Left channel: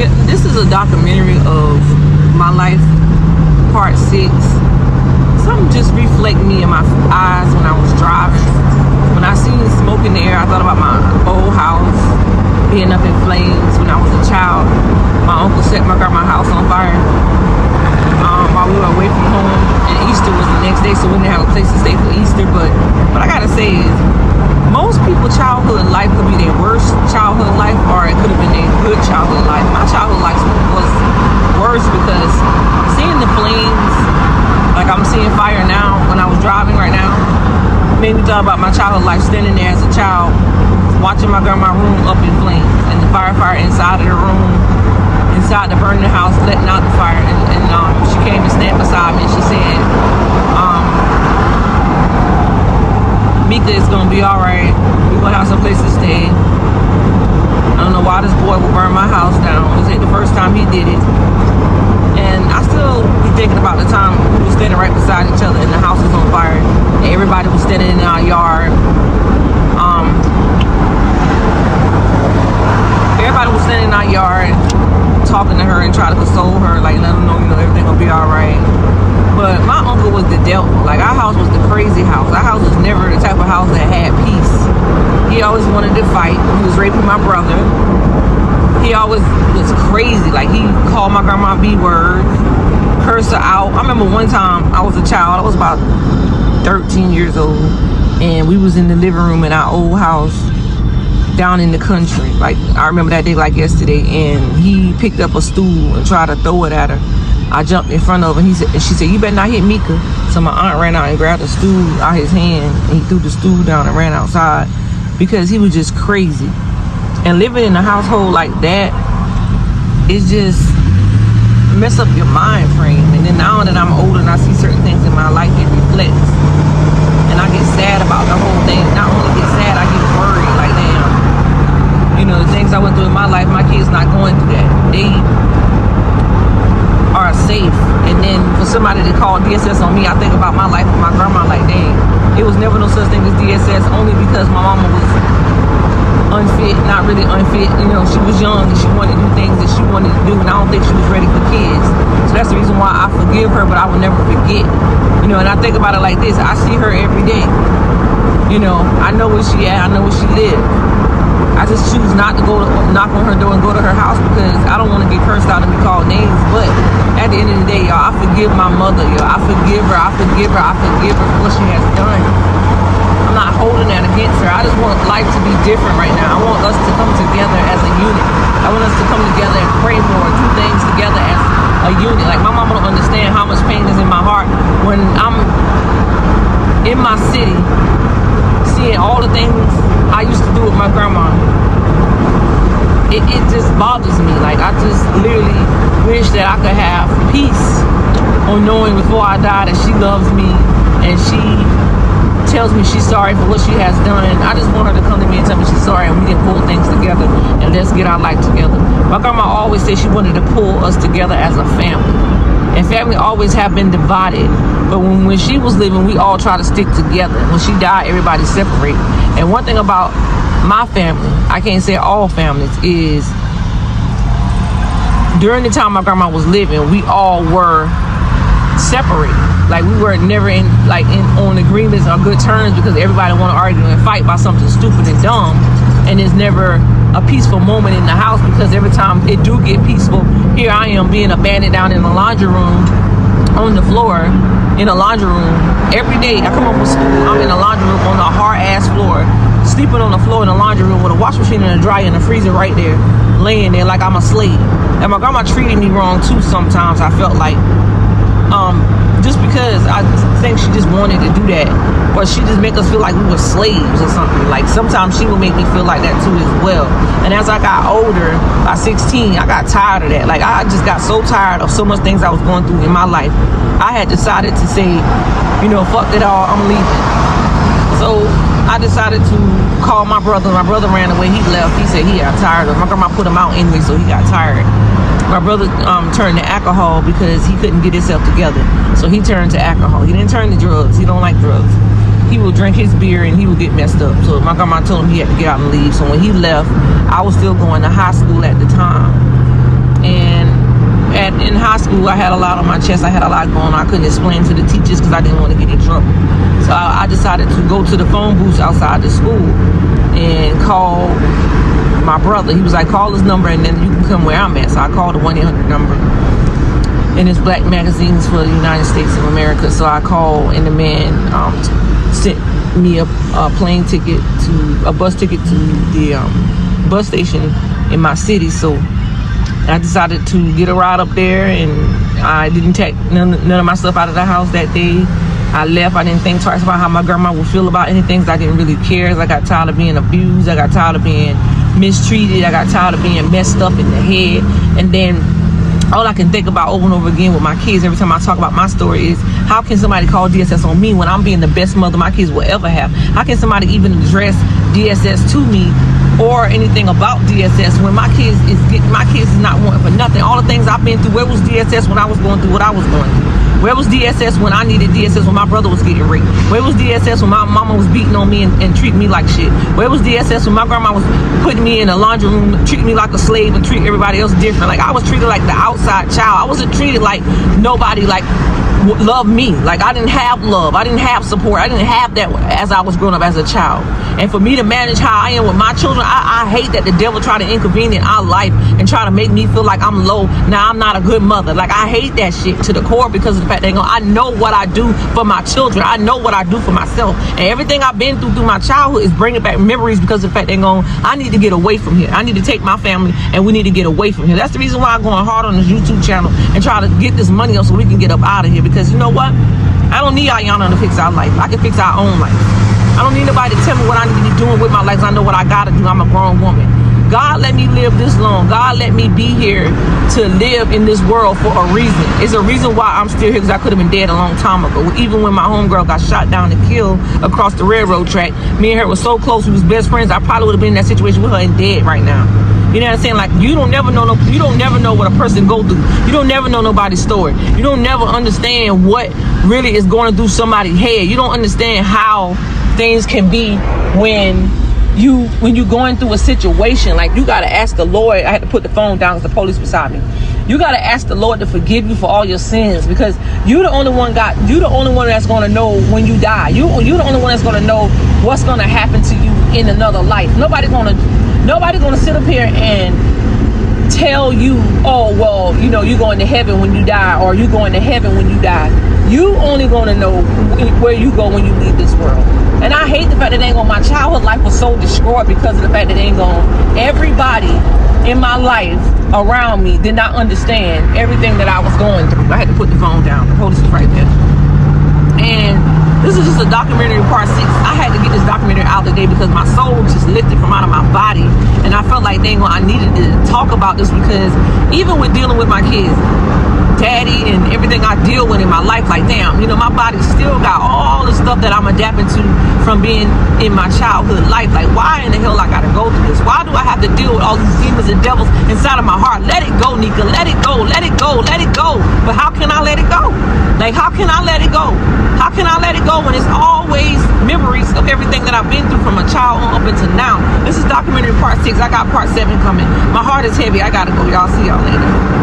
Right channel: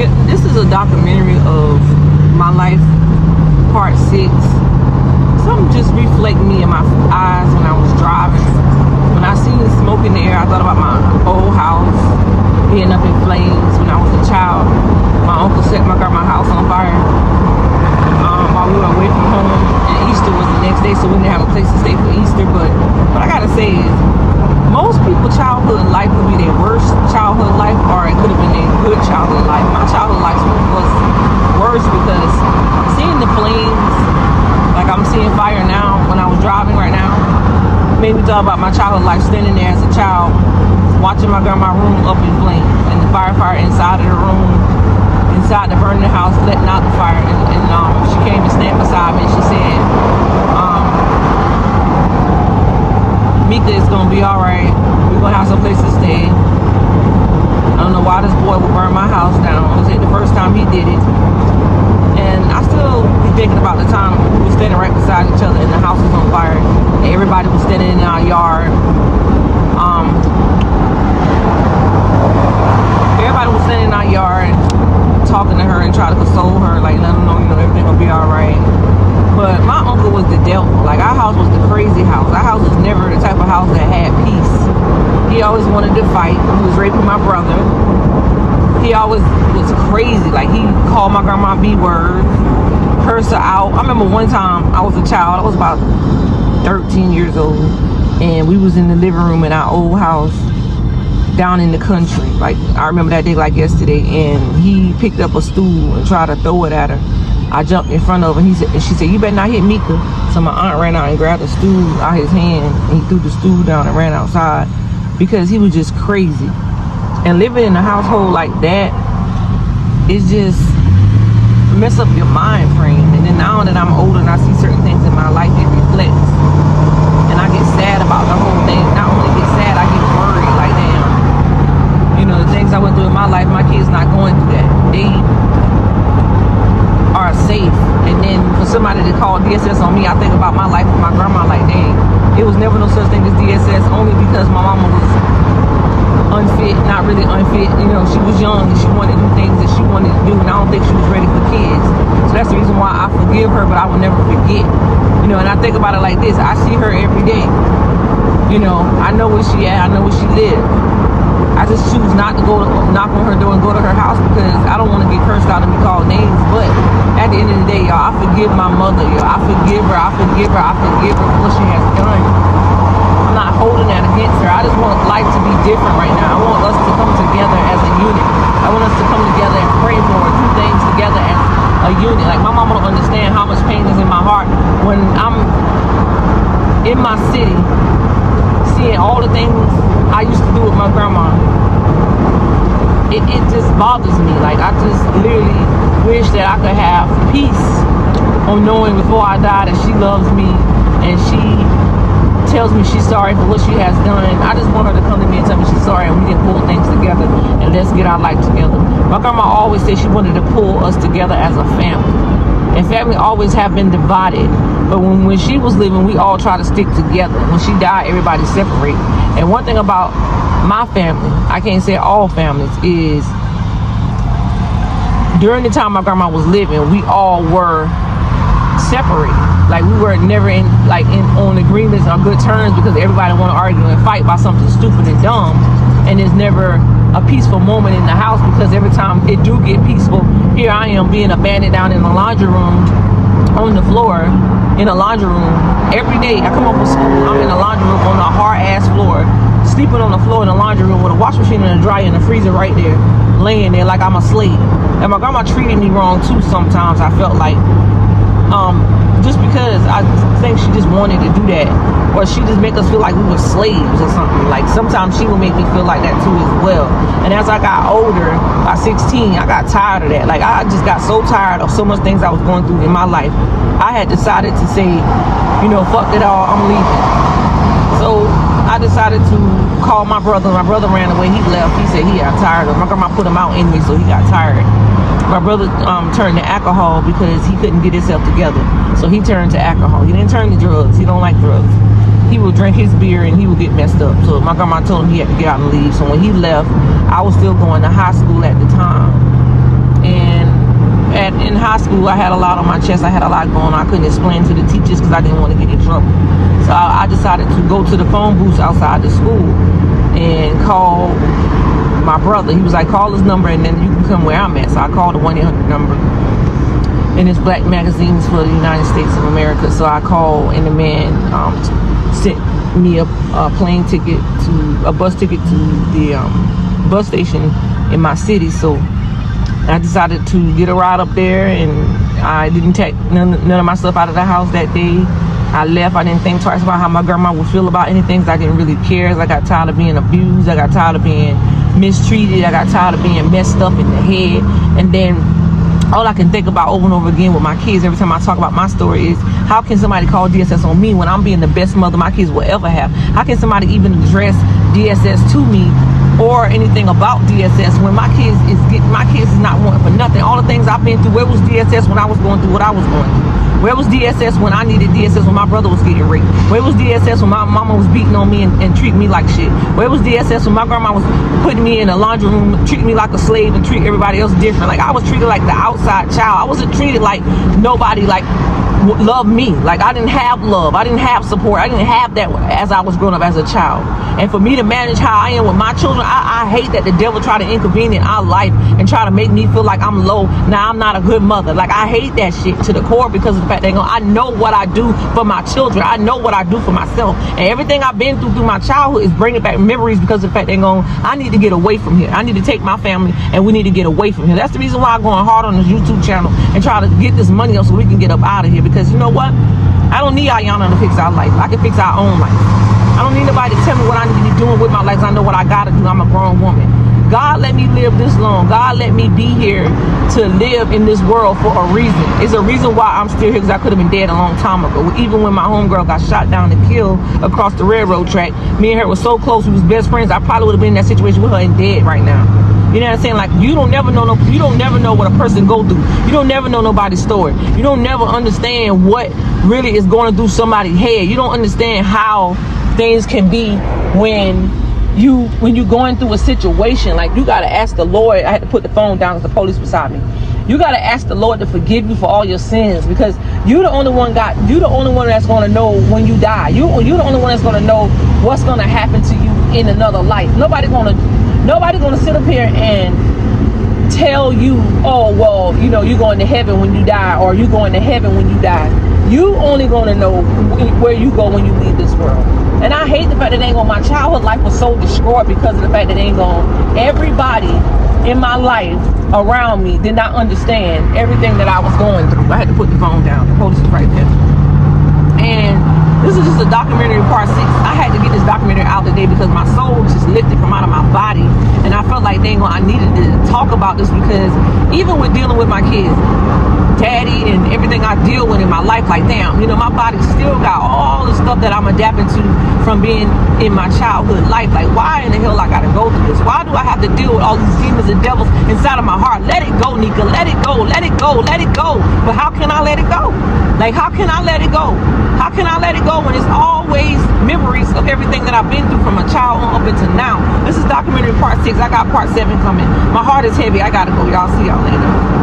Yeah, this is a documentary of my life, part 6. Something just reflected me in my eyes when I was driving. When I seen the smoke in the air, I thought about my old house being up in flames when I was a child. My uncle set my grandma's house on fire while we were away from home. And Easter was the next day, so we didn't have a place to stay for Easter. But what I gotta say is, most people's childhood life could be their worst childhood life, or it could have been their good childhood life. My childhood life was worse because seeing the flames, like I'm seeing fire now when I was driving right now, made me thought about my childhood life, standing there as a child, watching my grandma's room up in flames, and the firefighter inside of the room, inside the burning house, letting out the fire. And she came and stand beside me, and she said, Mika, it's gonna be all right. We're gonna have some place to stay. I don't know why this boy would burn my house down. It was the first time he did it. And I still be thinking about the time we were standing right beside each other and the house was on fire. And everybody was standing in our yard. Everybody was standing in our yard talking to her and trying to console her, like let her know, everything gonna be all right. But my uncle was the devil. Like, our house was the crazy house. Our house was never the type of house that had peace. He always wanted to fight. He was raping my brother. He always was crazy. Like, he called my grandma B-word, cursed her out. I remember one time I was a child. I was about 13 years old. And we was in the living room in our old house down in the country. Like, I remember that day like yesterday. And he picked up a stool and tried to throw it at her. I jumped in front of her, and she said, "You better not hit Mika." So my aunt ran out and grabbed the stool out his hand, and he threw the stool down and ran outside because he was just crazy. And living in a household like that, it just mess up your mind frame. And then now that I'm older and I see certain things in my life, it reflects. And I get sad about the whole thing. Not only get sad, I get worried, like, damn, the things I went through in my life, my kids not going through that. They are safe. And then for somebody to call DSS on me, I think about my life with my grandma, like, dang, it was never no such thing as DSS, only because my mama was unfit, not really unfit. She was young and she wanted to do things that she wanted to do, and I don't think she was ready for kids. So that's the reason why I forgive her, but I will never forget. And I think about it like this: I see her every day. I know where she at, I know where she lives. I just choose not to go knock on her door and go to her house because I don't want to get cursed out and be called names. But at the end of the day, y'all, I forgive my mother, y'all. I forgive her for what she has done. I'm not holding that against her. I just want life to be different right now. I want us to come together as a unit. I want us to come together and pray more, do things together as a unit. Like, my mama don't understand how much pain is in my heart when I'm in my city, seeing all the things I used to do with my grandma. It just bothers me. Like, I just literally wish that I could have peace on knowing before I die that she loves me and she tells me she's sorry for what she has done. I just want her to come to me and tell me she's sorry, and we can pull things together and let's get our life together. My grandma always said she wanted to pull us together as a family. And family always have been divided. But when she was living, we all try to stick together. When she died, everybody separated. And one thing about my family, I can't say all families, is during the time my grandma was living, we all were separated. Like, we were never on agreements or good terms because everybody want to argue and fight about something stupid and dumb. And there's never a peaceful moment in the house because every time it do get peaceful, here I am being abandoned down in the laundry room, on the floor, in a laundry room. Every day I come home from school, I'm in the laundry room on a hard ass floor, sleeping on the floor in the laundry room with a wash machine and a dryer and a freezer right there, laying there like I'm a slave. And my grandma treated me wrong too sometimes, I felt like. Just because I think she just wanted to do that, or she just make us feel like we were slaves or something. Like, sometimes she would make me feel like that too as well. And as I got older, by 16, I got tired of that. Like, I just got so tired of so much things I was going through in my life. I had decided to say, fuck it all, I'm leaving. So I decided to call my brother. My brother ran away, he left. He said he got tired of it. My grandma put him out anyway, so he got tired. My brother turned to alcohol because he couldn't get himself together. So he turned to alcohol. He didn't turn to drugs. He don't like drugs. He will drink his beer and he will get messed up. So my grandma told him he had to get out and leave. So when he left, I was still going to high school at the time. And in high school, I had a lot on my chest. I had a lot going on. I couldn't explain to the teachers because I didn't want to get in trouble. So I decided to go to the phone booths outside the school and call my brother. He was like, call his number and then you can come where I'm at. So I called the 1-800 number. And it's Black Magazines for the United States of America. So I called and the man sent me a bus ticket to the bus station in my city. So I decided to get a ride up there, and I didn't take none of my stuff out of the house that day. I left. I didn't think twice about how my grandma would feel about anything. I didn't really care. I got tired of being abused. I got tired of being mistreated. I got tired of being messed up in the head. And then all I can think about over and over again with my kids every time I talk about my story is, how can somebody call DSS on me when I'm being the best mother my kids will ever have? How can somebody even address DSS to me or anything about DSS when my kids is not wanting for nothing? All the things I've been through, where was DSS when I was going through what I was going through? Where was DSS when I needed DSS when my brother was getting raped? Where was DSS when my mama was beating on me and treating me like shit? Where was DSS when my grandma was putting me in a laundry room, treating me like a slave and treating everybody else different? Like, I was treated like the outside child. I wasn't treated like nobody like loved me. Like, I didn't have love. I didn't have support. I didn't have that as I was growing up as a child. And for me to manage how I am with my children, I hate that the devil try to intervene in our life and try to make me feel like I'm low. Now I'm not a good mother. Like, I hate that shit to the core because of the fact that I know what I do for my children. I know what I do for myself. And everything I've been through my childhood is bringing back memories because of the fact that I need to get away from here. I need to take my family and we need to get away from here. That's the reason why I'm going hard on this YouTube channel and try to get this money up so we can get up out of here. Because you know what? I don't need Ayana to fix our life. I can fix our own life. I don't need nobody to tell me what I need to be doing with my life. I know what I gotta do. I'm a grown woman. God let me live this long. God let me be here to live in this world for a reason. It's a reason why I'm still here, because I could have been dead a long time ago. Even when my homegirl got shot down and killed across the railroad track, me and her were so close. We was best friends. I probably would have been in that situation with her and dead right now. You know what I'm saying? Like, you don't never know what a person go through. You don't never know nobody's story. You don't never understand what really is going through somebody's head. You don't understand how things can be when you're going through a situation. Like, you gotta ask the Lord. I had to put the phone down because the police beside me. You gotta ask the Lord to forgive you for all your sins, because you're the only one that's gonna know when you die. You're the only one that's gonna know what's gonna happen to you in another life. Nobody's gonna sit up here and tell you, oh, well, you're going to heaven when you die, or you're going to heaven when you die. You only gonna know where you go when you leave this world. And I hate the fact that my childhood life was so destroyed because of the fact that everybody in my life around me did not understand everything that I was going through. I had to put the phone down. The police is right there. And this is just a documentary part 6. I had to get this documentary out today because my soul just lifted from out of my body. And I felt like, I needed to talk about this, because even with dealing with my kids, daddy, and everything I deal with in my life, like, damn, my body still got all the stuff that I'm adapting to from being in my childhood life. Like, why in the hell I gotta go through this? Why do I have to deal with all these demons and devils inside of my heart? Let it go, Nika. Let it go. Let it go. Let it go. But how can I let it go? Like, how can I let it go? How can I let it go when it's always memories of everything that I've been through from a child on up until now? This is documentary part 6. I got part 7 coming. My heart is heavy. I gotta go. Y'all see y'all later.